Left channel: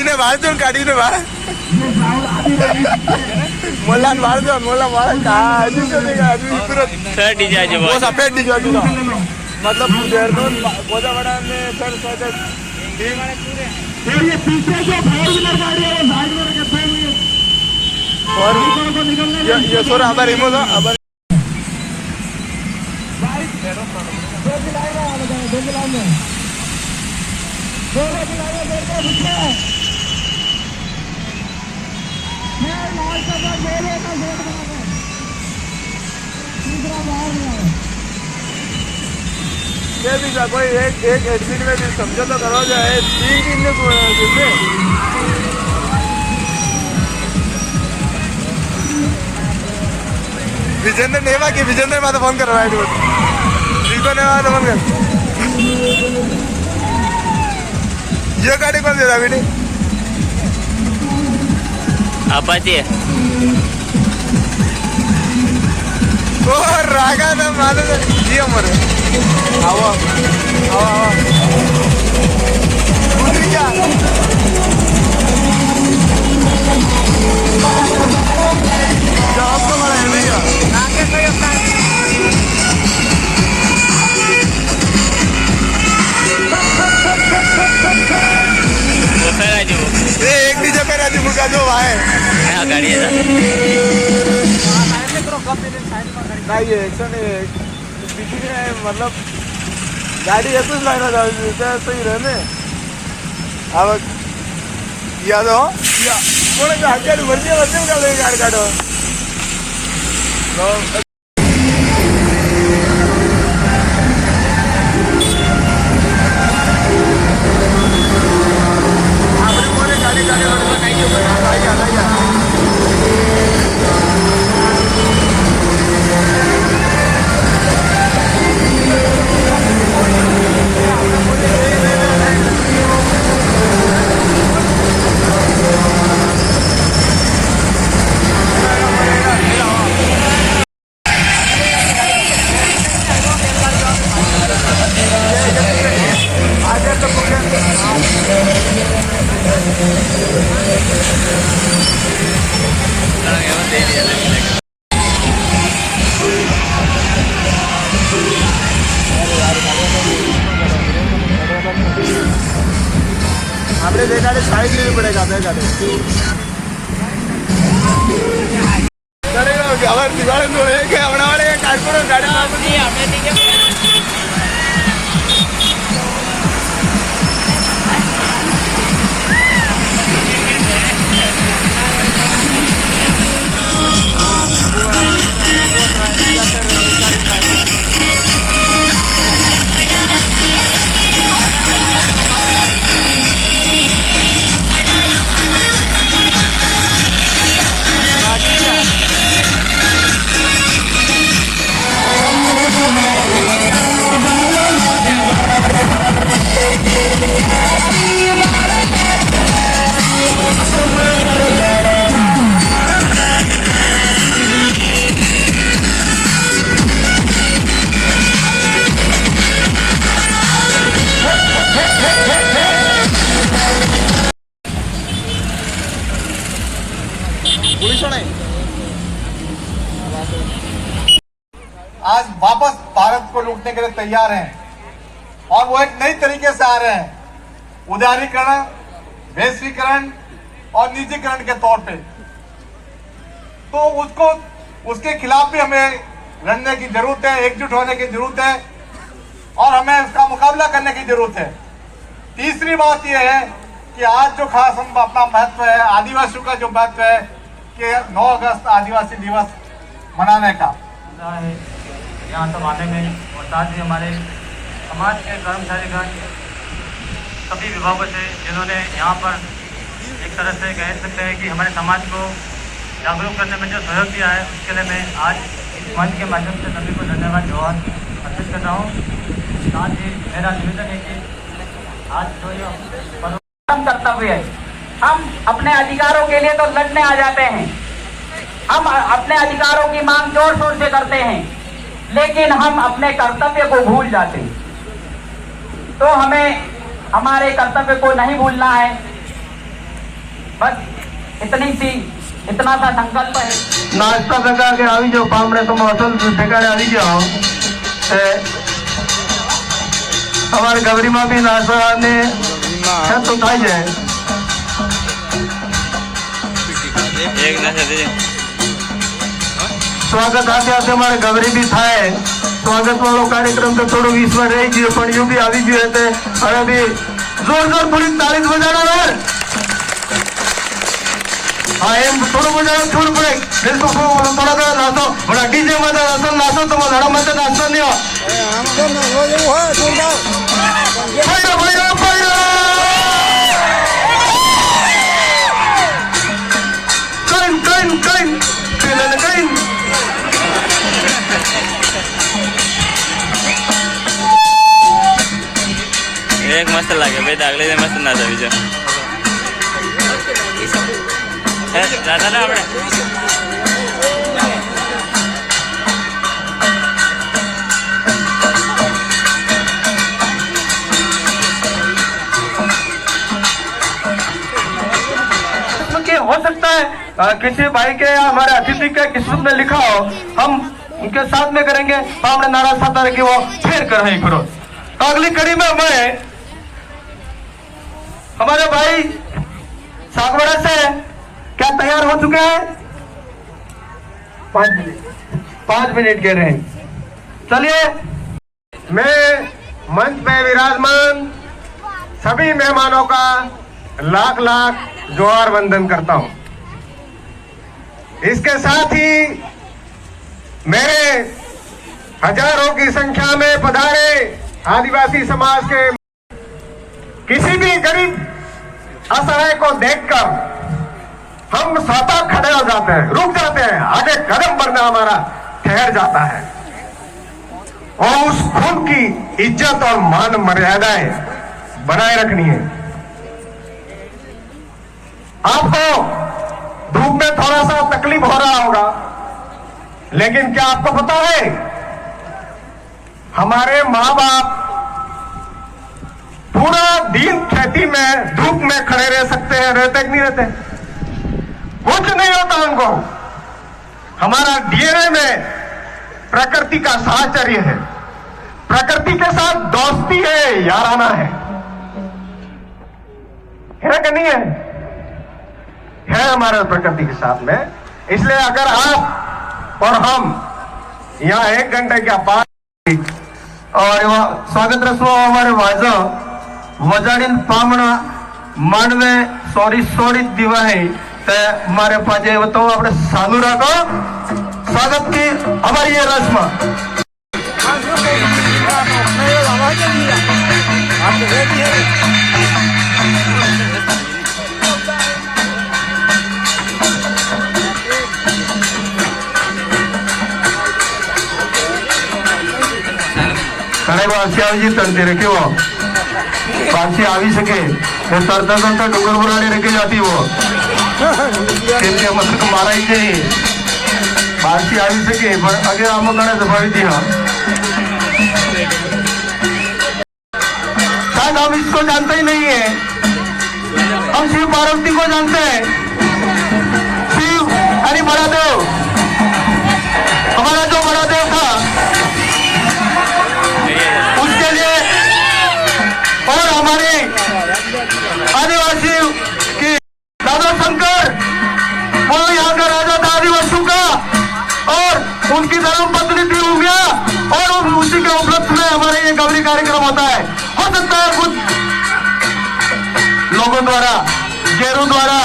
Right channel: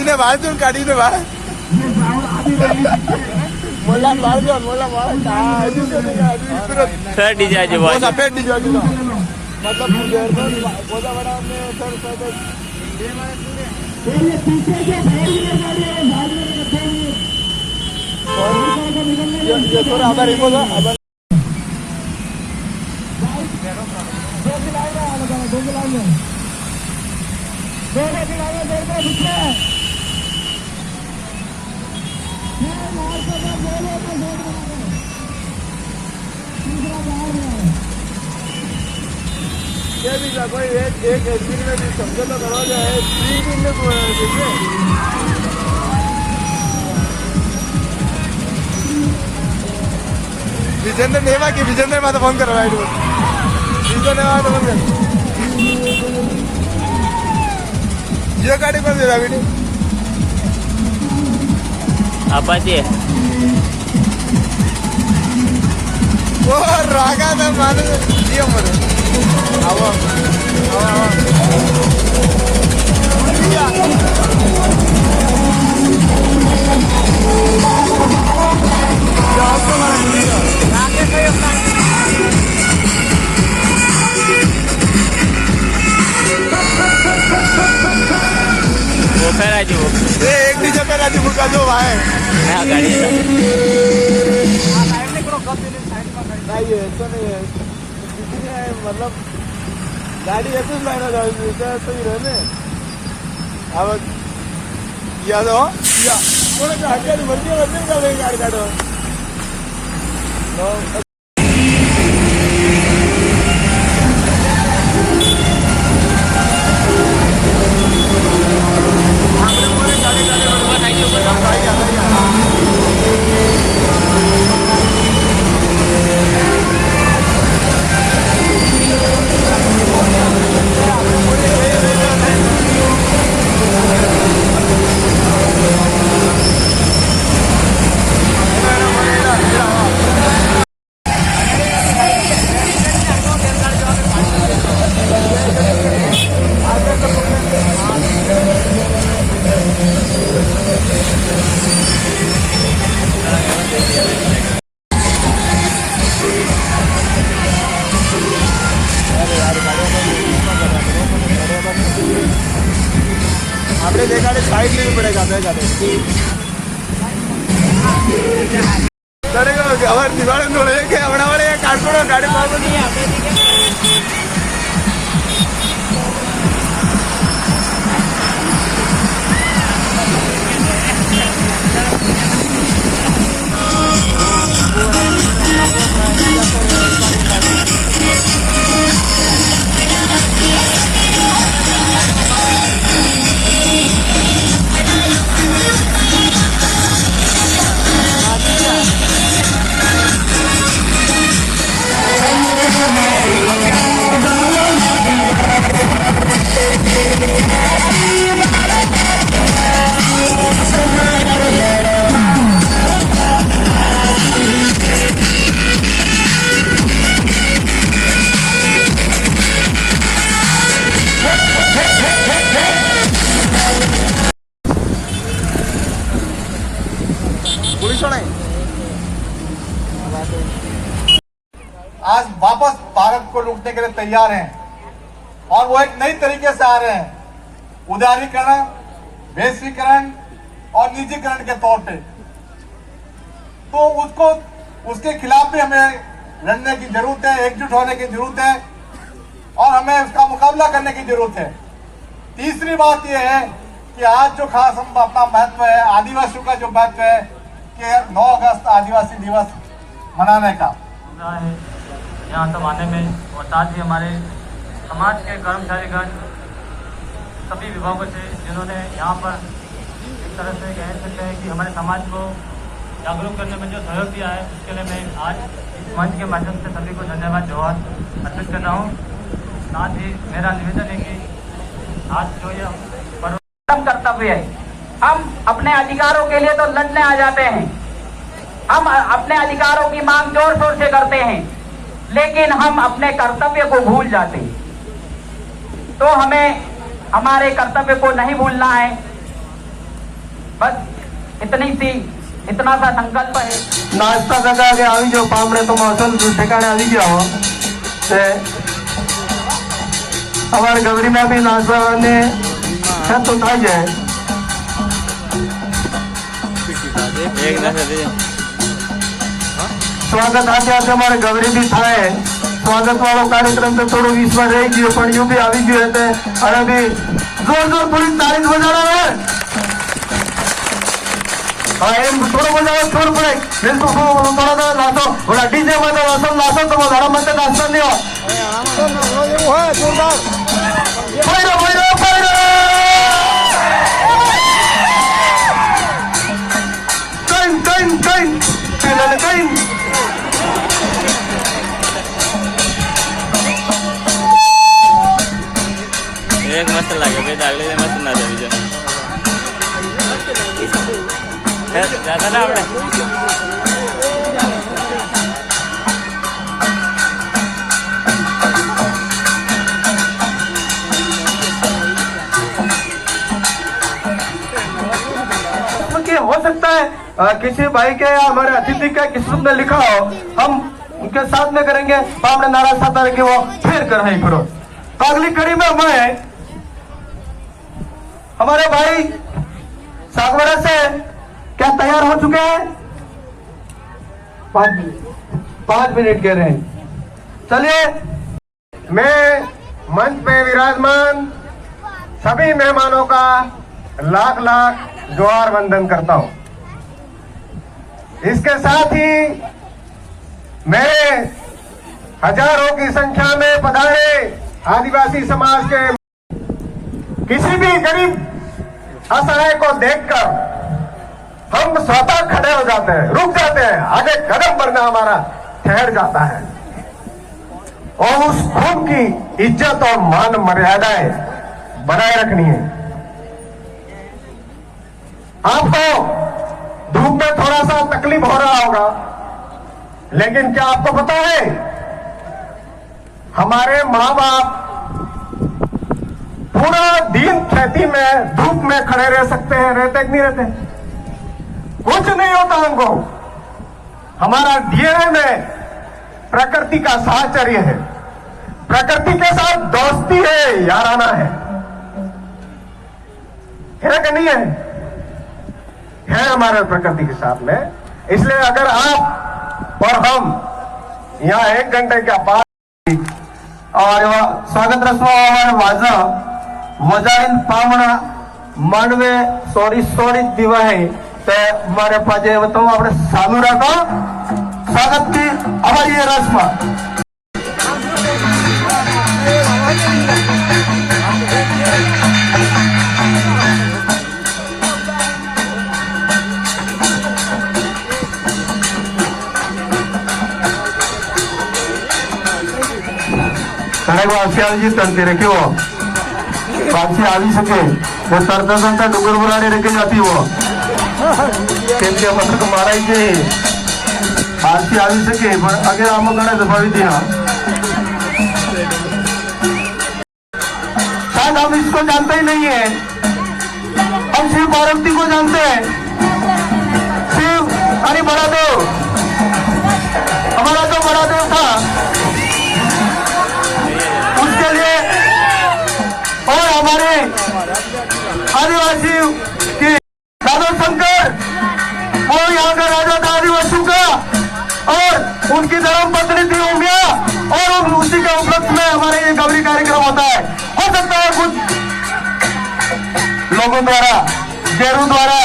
इन्हें बाहर दो गाड़ी ने बाहर मोला बाहर दो मोला बाहर कहाँ आदमी तो नहीं आदमी तुरंत सर डीजे जो वो सफेद डीजे का मतलब देर में बहुत बड़ा ने सर सर ये माने पूरे ये पीछे से फोर व्हीलर गाड़ी है साइड में कैसे और ये सर अब रिमोट अब कोई एक दिन में भी समझो तो करो जो है 3 दिन में विजेंद्र नेवा की विजेंद्र माता फोन कर रहा है फोन कर ये गाड़ी कौन दे रहा बेटी अपाचे रागा ना मालूम है जी हमारे आओ वो फिर आज वो ये एक डीजे पे राजू मुका दो भाई मैं गाड़ी है नहीं ये ऐसा नहीं है मतलब गाड़ी ऐसे ही लाइन आ सही रहने अब याद हो या थोड़े से हज़ार वर्षे का गाड़ी काटो आपने देखा साइड लेनी पड़ेगा देखा गाड़ी आज वापस भारत को लूटने के लिए तैयार हैं और वो एक नई तरीके से आ रहे हैं, उदारीकरण, वैश्वीकरण और निजीकरण के तौर पे। तो उसके खिलाफ भी हमें लड़ने की जरूरत है, एकजुट होने की जरूरत है और हमें उसका मुकाबला करने की जरूरत है। तीसरी बात यह है कि आज जो खास हम अपना महत्व है, आदिवासियों का जो महत्व है कि 9 अगस्त आदिवासी दिवस मनाने का, रहा है यहाँ सब आने में, और साथ ही हमारे समाज के कर्मचारीगण सभी विभागों से जिन्होंने यहाँ पर एक तरह से कह सकते हैं कि हमारे समाज को जागरूक करने में जो सहयोग दिया है, उसके लिए मैं आज इस मंच के माध्यम से सभी को धन्यवाद और अर्पित करता हूँ। आज ही मेरा निवेदन है कि आज जो ये कर्तव्य है, हम अपने अधिकारों के लिए तो लड़ने आ जाते हैं, हम अपने अधिकारों की मांग जोर शोर से करते हैं, लेकिन हम अपने कर्तव्य को भूल जाते हैं। तो हमें हमारे कर्तव्य को नहीं भूलना है। बस इतना सा संकल्प है। नाश्ता लगा के આવી જો પામરે તો અસલ ઠેકાણે આવી ગયા હો તે અમારી ગવરીમાં બી નાસ્તા અને છે તો થાય જાય एक ना से दे સ્વાગત સાથે સાથે અમારે ગવરી બી થાય સ્વાગત વાળો કાર્યક્રમ તો થોડો 20 માં રહી ગયો પણ યુ બી આવી ગયો એટલે અને બી જોરદાર થોડી તારીફ બજાડો ને हाँ एम थोड़ा बजाओ छोड़ पड़े बिल्कुल थोड़ा सा नाचो बड़ा डीजे में तो असल नाचो तो लड़ा मत नाचता नहीं हो फाइरो फाइरो फाइरो कइन कइन कइन कइन कइन एक मस्त लागे भाई दागले से मस्त ना सभी जो ज्यादा ना આપણે कि हो सकता है किसी भाई के या हमारे अतिथि के किस्मत में लिखा हो, हम उनके साथ में करेंगे तो हमने नारा साता कि वो फिर कर ही करो। अगली कड़ी में मैं हमारे भाई सागवाड़ा से क्या तैयार हो चुके हैं? 5 मिनट कह रहे हैं। चलिए मैं मंच पे विराजमान सभी मेहमानों का लाख लाख जोहार वंदन करता हूं। इसके साथ ही मेरे हजारों की संख्या में पधारे आदिवासी समाज के किसी भी गरीब असहाय को देखकर हम स्वतः खड़े हो जाते हैं, रुक जाते हैं, आगे कदम बढ़ना हमारा ठहर जाता है और उस खून की इज्जत और मान मर्यादाएं बनाए रखनी है। आपको धूप में थोड़ा सा तकलीफ हो रहा होगा, लेकिन क्या आपको पता है हमारे माँ बाप पूरा दिन खेती में धूप में खड़े रह सकते हैं, रहते कि नहीं रहते? कुछ नहीं होता उनको। हमारा डीएनए में प्रकृति का साहचर्य है, प्रकृति के साथ दोस्ती है, याराना है कि नहीं है हमारे प्रकृति के साथ में। इसलिए अगर आप और हम यहाँ 1 घंटे के बाद और स्वागत रस्मों हमारे वाजा वजाड़ीन पामना मानवे सोड़ी दीवा है तो हमारे पाजे तो अपने चालू रखो स्वागत की हमारी ये रस्म। जी तमते रखे वो पाछी આવી શકે वो तरता तो डूंगर बनाने रखी जाती वो मतलब मारा ही नहीं पाछी આવી શકે पर अगे आम गणे दबावी थी ना शायद हम इसको जानते ही नहीं है। हम शिव पार्वती को जानते हैं, शिव हरि बड़ादेव हमारा जो बड़ादेव था उसके लिए और हमारे आदिवासी की दादा शंकर वो यहाँ का राजा था आदिवासियों का और उनकी धर्म पत्नी थी हो गया और उसी के उपलक्ष्य में हमारे ये गौरी कार्यक्रम होता है। हो सकता है कुछ लोगों द्वारा गेरू द्वारा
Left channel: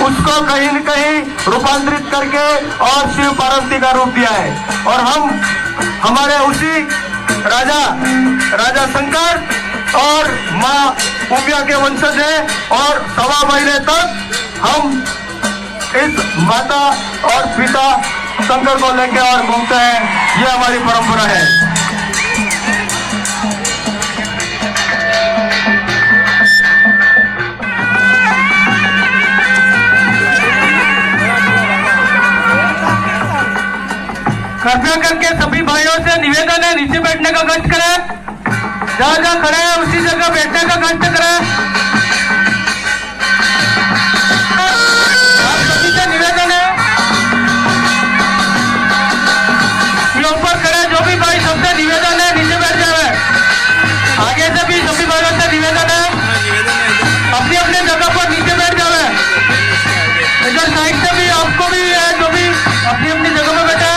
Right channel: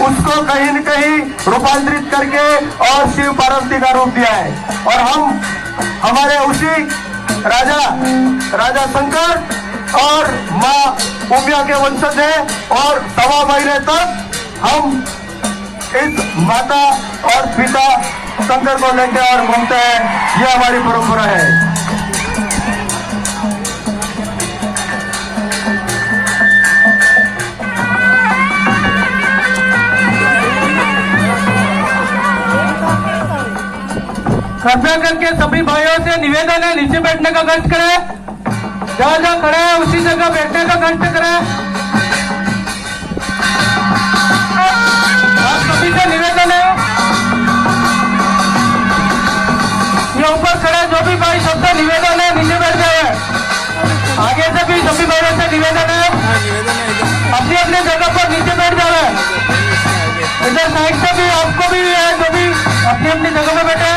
उसको कहीं न कहीं रूपांतरित करके और शिव पार्वती का रूप दिया है। और हम हमारे उसी राजा शंकर और माँ उमिया के वंशज हैं और 1.25 महीने तक हम इस माता और पिता शंकर को लेकर और घूमते हैं। ये हमारी परंपरा है। कृपया करके सभी भाइयों से निवेदन है, नीचे बैठने का कष्ट करें। जहाँ खड़े हैं उसी जगह बैठने का कष्ट करें। आप सभी से निवेदन है, ये ऊपर खड़े जो भी भाई सबसे निवेदन है नीचे बैठ जाए। आगे से भी सभी भाइयों से निवेदन है अपनी अपनी जगह पर नीचे बैठ जाए। इधर साइड से भी आपको भी है जो भी अपनी अपनी जगह में बैठे हैं।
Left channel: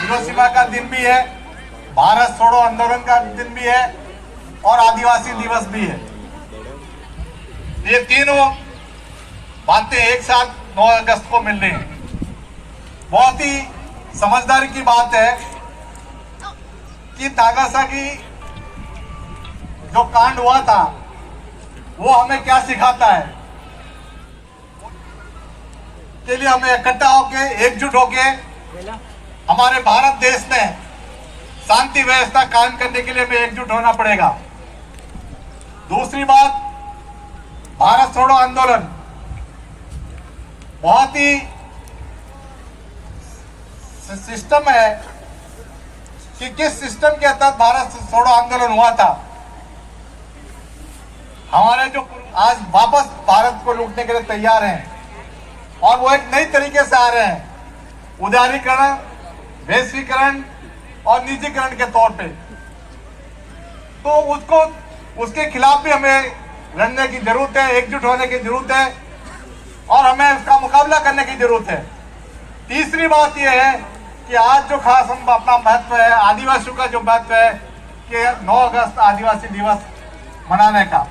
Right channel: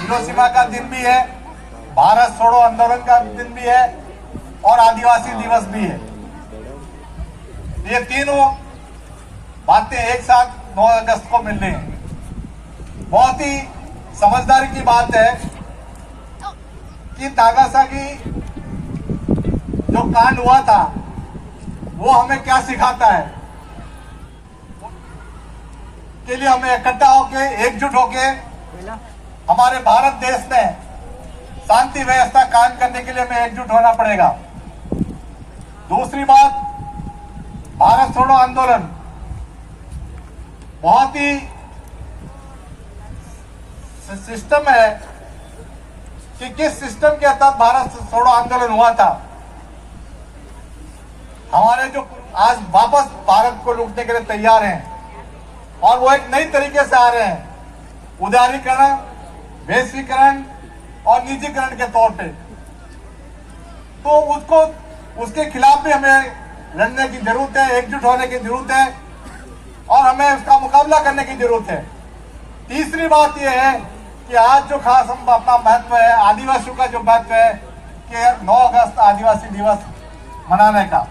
हिरोशिमा का दिन भी है, भारत छोड़ो आंदोलन का दिन भी है और आदिवासी दिवस भी है। ये तीनों बातें एक साथ 9 अगस्त को मिल रही हैं। बहुत ही समझदारी की बात है कि नागासाकी जो कांड हुआ था वो हमें क्या सिखाता है के लिए हमें इकट्ठा होके एकजुट होके हमारे भारत देश में शांति व्यवस्था कायम करने के लिए हमें एकजुट होना पड़ेगा। दूसरी बात, भारत छोड़ो आंदोलन बहुत ही सिस्टम है कि किस सिस्टम के तहत भारत छोड़ो आंदोलन हुआ था। हमारे जो आज वापस भारत को लूटने के लिए तैयार हैं और वो एक नई तरीके से आ रहे हैं, उदारीकरण, वैश्वीकरण और निजीकरण के तौर पे। तो उसके खिलाफ भी हमें लड़ने की जरूरत है, एकजुट होने की जरूरत है और हमें उसका मुकाबला करने की जरूरत है। तीसरी बात यह है कि आज जो खास हम अपना महत्व है, आदिवासियों का जो महत्व है कि 9 अगस्त आदिवासी दिवस मनाने का।